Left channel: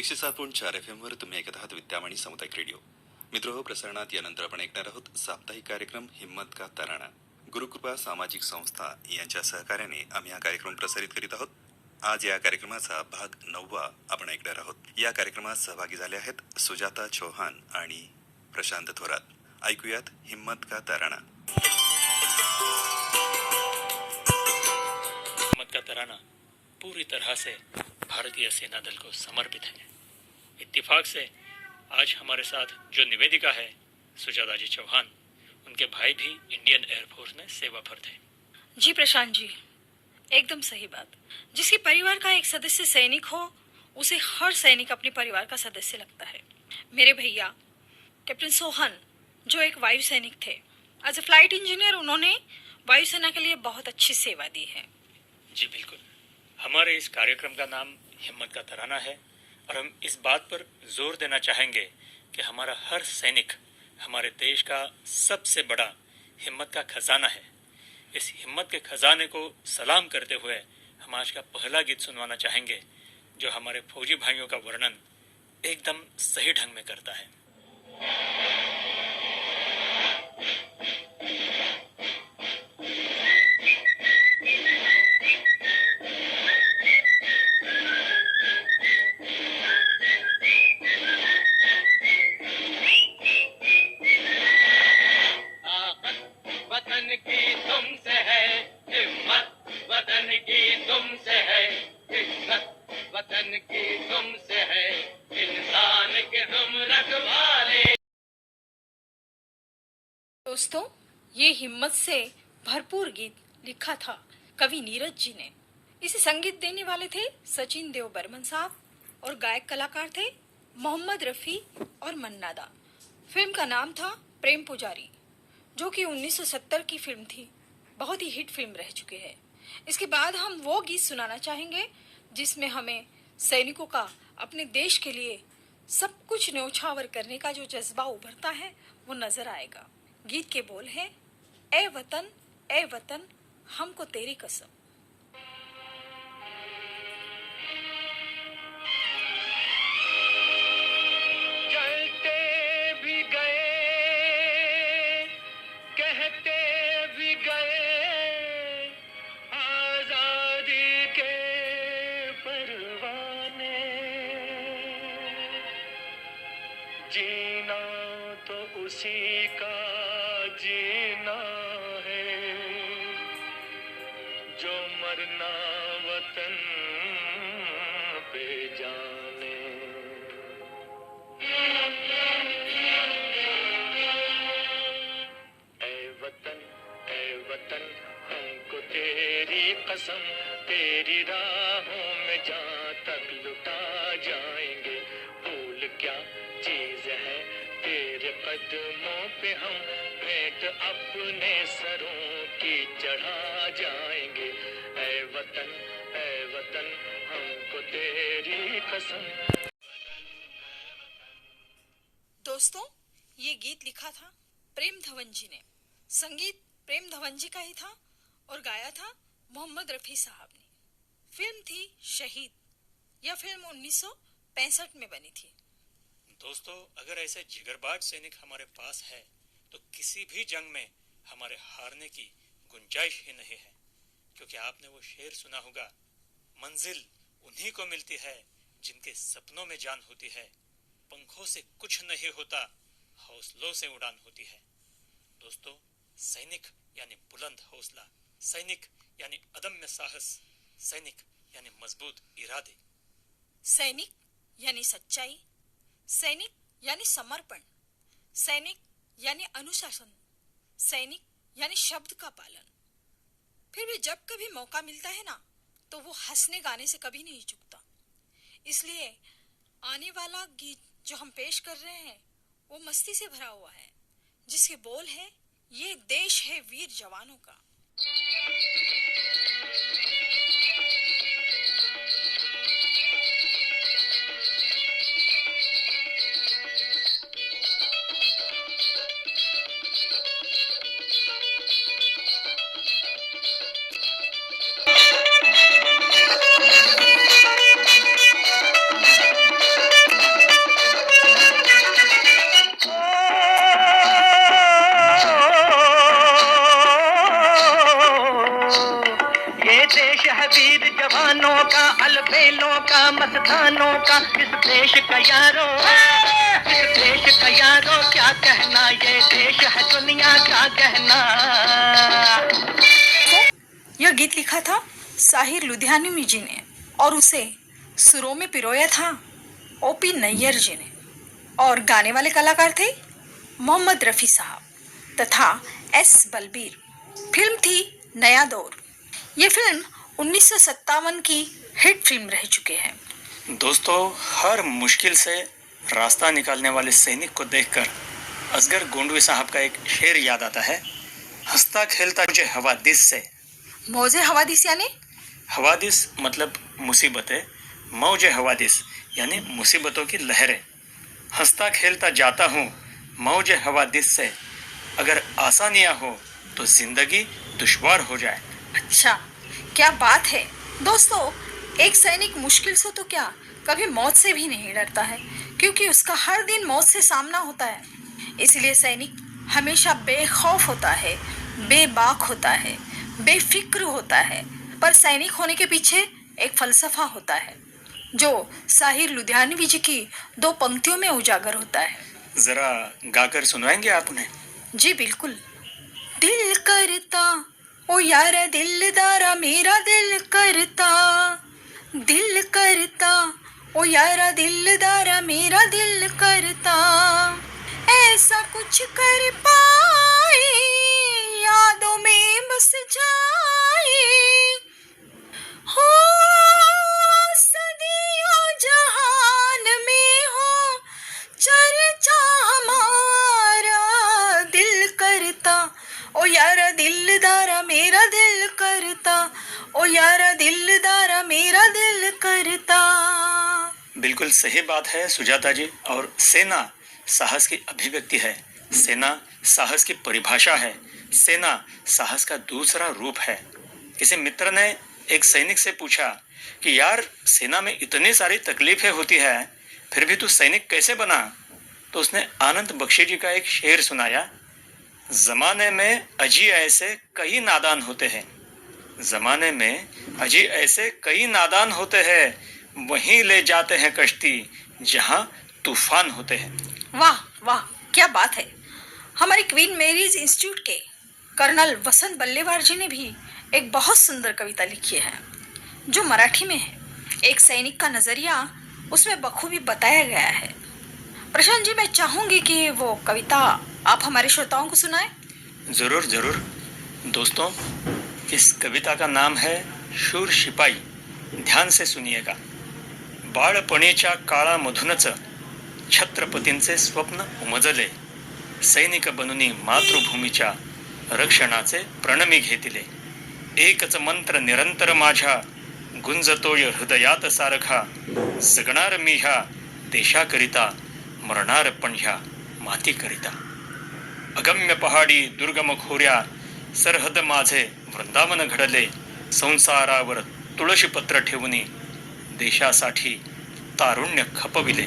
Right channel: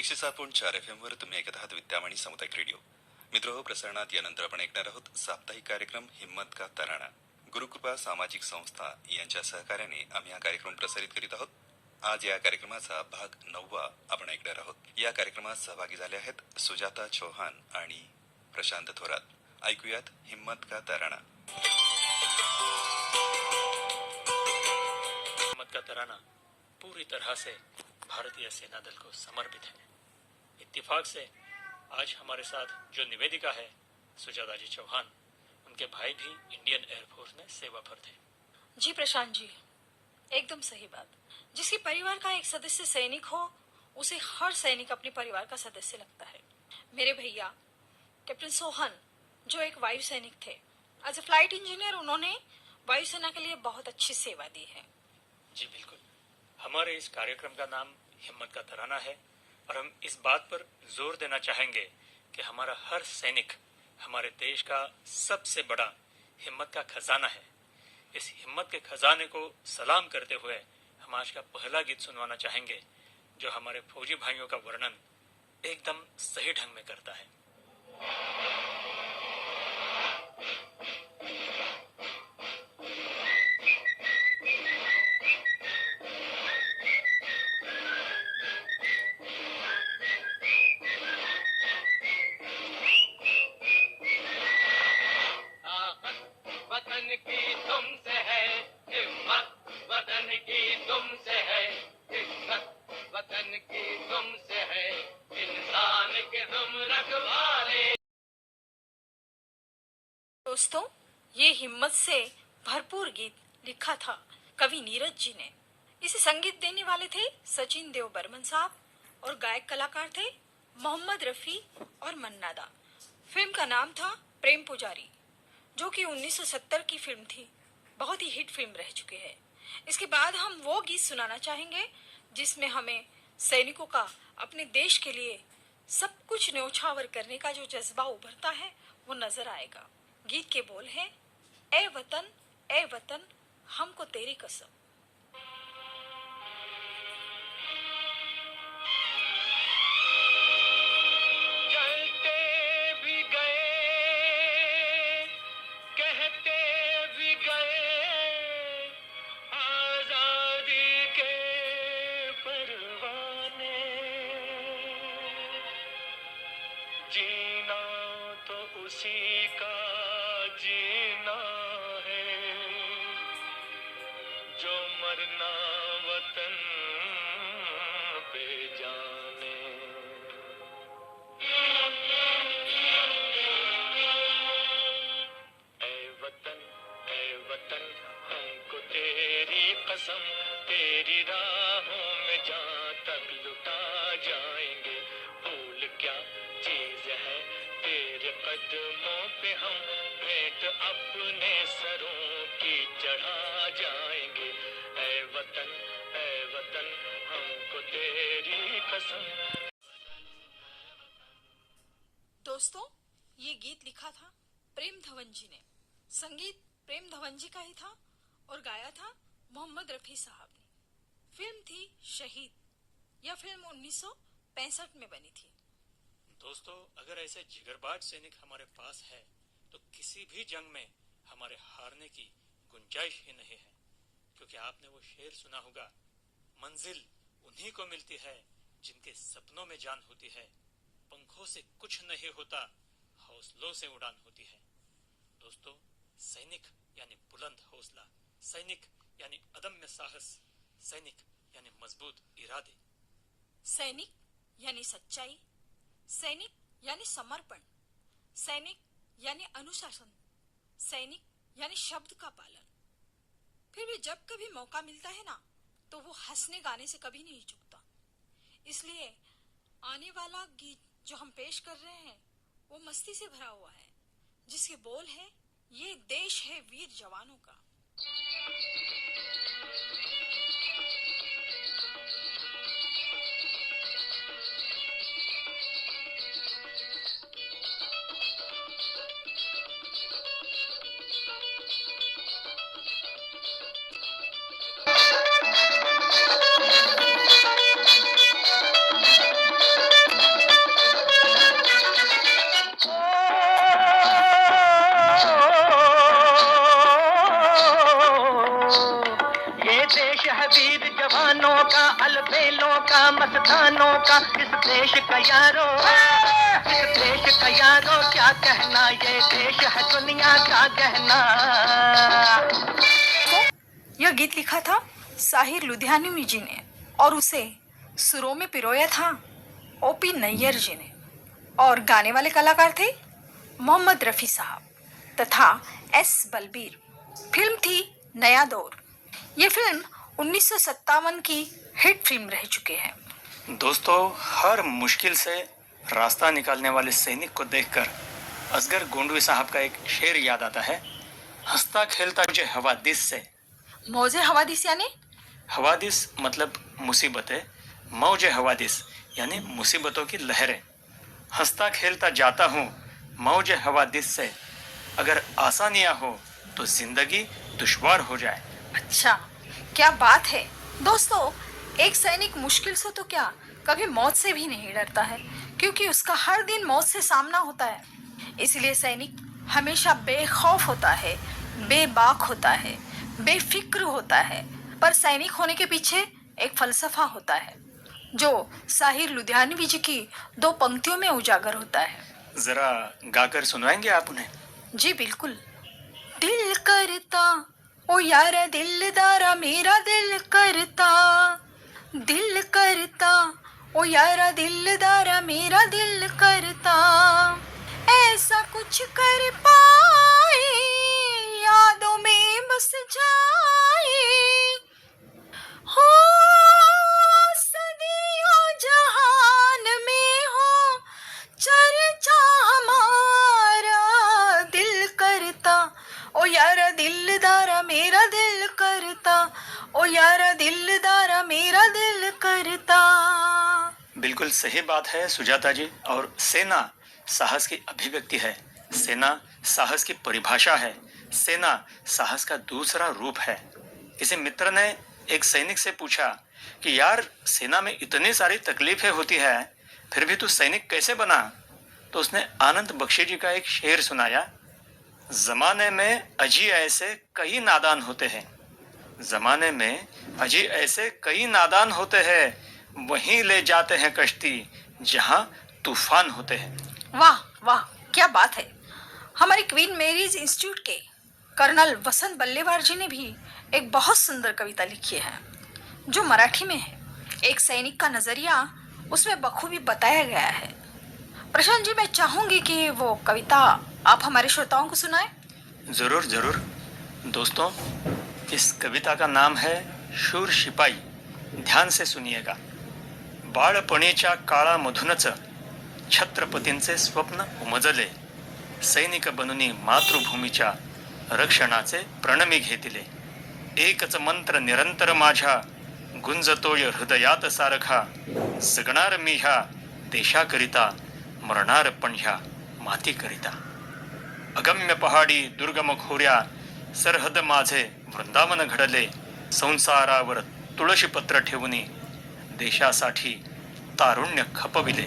107.4 FM वर तुम्ही ऐकत आहात विद्यावाणी सामुदायिक रेडिओ. मित्र प्रसारणात यानंतर आपण ऐकणार आहोत साप्ताहिक कार्यक्रम हिम्मत का तराना. गुरुकृपा सामाजिक संस्था यांच्या सहकार्याने आम्ही हा कार्यक्रम प्रसारित करीत आहोत. आज या कार्यक्रमाचा भाग 9 आपण ऐकणार आहोत. या कार्यक्रमात सहभागी झाले आहेत सुजाता चौहान आणि प्रशांत थोरात. ऐकूयात हिम्मत का तराना. हिम्मत का तराना पूरी तरह से भारतीय सेना दल को समर्पित है. इत्तेफाक से आज हमारे साथ जो निवेदिका है सुजाता जी चौहान, उनके भाई भी इंडियन एयरफोर्स में सेवा पर थे. जी प्रशांत जी, एकदम सही बात. जिसके परिवार का एक सदस्य सैनिक हो उसे हर सैनिक अपने परिवार का सदस्य लगता है. मेरे भैया कैप्टन सोहन जो एक वायु सैनिक थे, एज ए फ्लाइट इंजीनियर उन्होंने वायुसेना के लिए बहुत अच्छी सेवा दी है. जी बिल्कुल. हमारे इस कार्यक्रम का नाम हिम्मत का तराना है और हम इस बात पर जोर देना चाहेंगे कि हमारा हर सैनिक हमारे देश का सबसे बड़ा हिम्मत का खजाना है. इस हिम्मत के खजाने को सलाम करते हुए हम आज का पहला गीत सुनवाना चाहेंगे जो हमारे फौजी भाइयों का वर्णन एकदम सही ढंग में करता है. दोस्तों, ये हिम्मत से भरपूर गीत लिखा था कवि नीरज जी ने. इसे संगीत देने वाले थे सचिन देव बर्मन साहब और गायक कलाकार थे मोहम्मद रफी और मन्ना दा. फिल्म का नाम था प्रेम पुजारी, जो कि 1970 की फिल्म थी. बहुत ही हिट फिल्म रह चुकी है. इसके बाद हम वो गीत सुनाना चाहेंगे जिसमें हमें सैनिकों का अपने देश के लिए सब कुछ न्यौछावर करने का जो जज्बा उभरता है वो नजर आएगा. गीत के बोल हैं, ए वतन हमको तेरी कसम. चलते भी गए, कहते भी गए, आजादी के परवाने. जीना तो उसी का जीना है जो मरना वतन पे जाने. ए वतन हमको तेरी कसम, तेरी राहों में जहाँ तक लुटा जाएंगे. भूल क्या चीज है तेरे कदमों पे हम भेंट अपने सरों की चढ़ा जाएंगे. ए वतन हमको तेरी कसम. दोस्तों, ये गीत लिखा था प्रेम धवन जी ने. संगीत प्रेम धवन जी का ही था और गाया था मोहम्मद रफी साहब ने. फिल्म थी शहीद. यह फिल्म 1965 में बनी थी. दोस्तों, अगर ऐसे जिगरबाज सैनिक हमारे पास है तो किसी भी जंग में हमारे हारने की गुंजाइश ही नहीं है. क्योंकि आपने वो शेर सुना होगा, मंजिल उन्हीं को मिलती है जिनके सपनों में जान होती है. पंखों से कुछ नहीं होता, हौसलों से उड़ान होती है. दोस्तों, सैनिक यानी बुलंद हौसला, सैनिक यानी अदम्य साहस, सैनिक यानी मजबूत इरादे. सैनिक यानी सच्चाई, सैनिक यानी समर्पण, सैनिक यानी अनुशासन, सैनिक यानी शब्द का पालन. फिर भी जब कभी मौका मिलता है ना, तो वो हंसने गाने से कभी नहीं चूकता. इसलिए आने वाला गीत जो हम पेश कर रहे हैं वो मस्ती से भरा हुआ है, जिसके बोल है, ये देश है वीर जवानों का. का मस्तानों का इस देश का यारो, इस देश का यारो क्या कहना, ये देश है दुनिया का कहना। यह गीत लिखा था साहिर लुधियानवी जी ने और उसे सुरों में पिरोया था ओपी नैयर जी ने, और गाने वाले कलाकार थे मोहम्मद रफ़ी साहब तथा एस बलबीर। फिल्म थी नया दौर। ये फिल्म 1957 की हिट फिल्म रह चुकी है। दोस्तों, हर मुश्किल से रास्ता निकालने वाले सैनिक को देखकर असगर गोंडवे साहब का एक शेर याद आता है। हंसता खेलता मुझे हवादिस से। मौजे हवादिस यानी हवादिस मतलब मुसीबतें, मौजे हवादिस यानी मुसीबतों की लहरें। हंसता खेलता जाता हूँ मौजे हवादिस से, अगर आसानियाँ हो तो जिंदगी दुश्वार हो जाए। अच्छा, क्या बात है दोस्तों। एक सैनिक मुश्किल से तो क्या, कभी मौत से भी नहीं डरता है, क्योंकि उसका हर दिन मौत से सामना होता है। इसलिए सैनिक हमेशा बेखौफ होता है, बेबाक होता है, बेफिक्र होता है। पर सैनिक होने के पीछे एक फलसफा होता है जो साहिर लुधियानवी जी की 2 पंक्तियों में उजागर होता है। जरा गाकर सुनाएंगे आप उन्हें? जी बिल्कुल। दिल करता ओ यारा दिलदारा मेरा दिल करता, दिल करता ओ यारा दिलदारा मेरा दिल करता, ऐसा कुछ कर पाए यादों में बस जाए, हो सदियों जहान में हो चर्चा हमारा, दिल करता ओ यारा दिलदारा मेरा दिल करता, ओ यारा दिलदारा मेरा दिल करता। बिल्कुल सही बात है सुजाता जी। और सेना साहस की अभिव्यक्ति है, सेना साहस की परिभाषा है, सेना साहस का दूसरा रूप है। किसी मित्र ने एक सैनिक से पूछा कि यार, सेना में इतनी सारी तकलीफें होती है, फिर भी तू सैनिक कैसे बना? तो उसने आनंद बख्शी जी का एक शेर सुनाया, जमाने में अजी ऐसे कई नादान होते हैं, जमाने में अजी ऐसे कई नादान होते हैं, वहीं ले जाते हैं कश्ती जहां तूफान होते हैं। वाह वाह, क्या बात है। हमारे क्वीन मैरीज इंस्टीट्यूट के कर्नल वसंत बल्लेवार जी ने भी एक बहुत सुंदर कविता लिखी है जो मराठी में है। एक सैनिक का नजरिया उसमें बखूबी बताया गया है। प्रशांत जी, मैं चाहूंगी कि वो कविता आप हमारे श्रोताओं को सुनाएं। जरूर जरूर। दोस्तों, इस कविता का नाम है शूर शिपाई। ध्यान से सुनिएगा। बाळपणीच्या काळामधूनच छत्रपतींचे स्वप्न उमजले, सैनिक बनूनी मातृभूमीच्या रक्षणाचे प्रणमी घेतले, एकच मंत्र निरंतर माझ्या गुंजतोय हृदयात सारखा, जगणार मी ह्या देशाकरिता, मरणार पण ह्या मातीकरिता, अगम्य पहाडी दुर्गम खोऱ्या सरहद माझे वृंदावन घडले, संसारावर तुळशी पत्र ठेवूनी देशासाठी तारुण्य खपविले.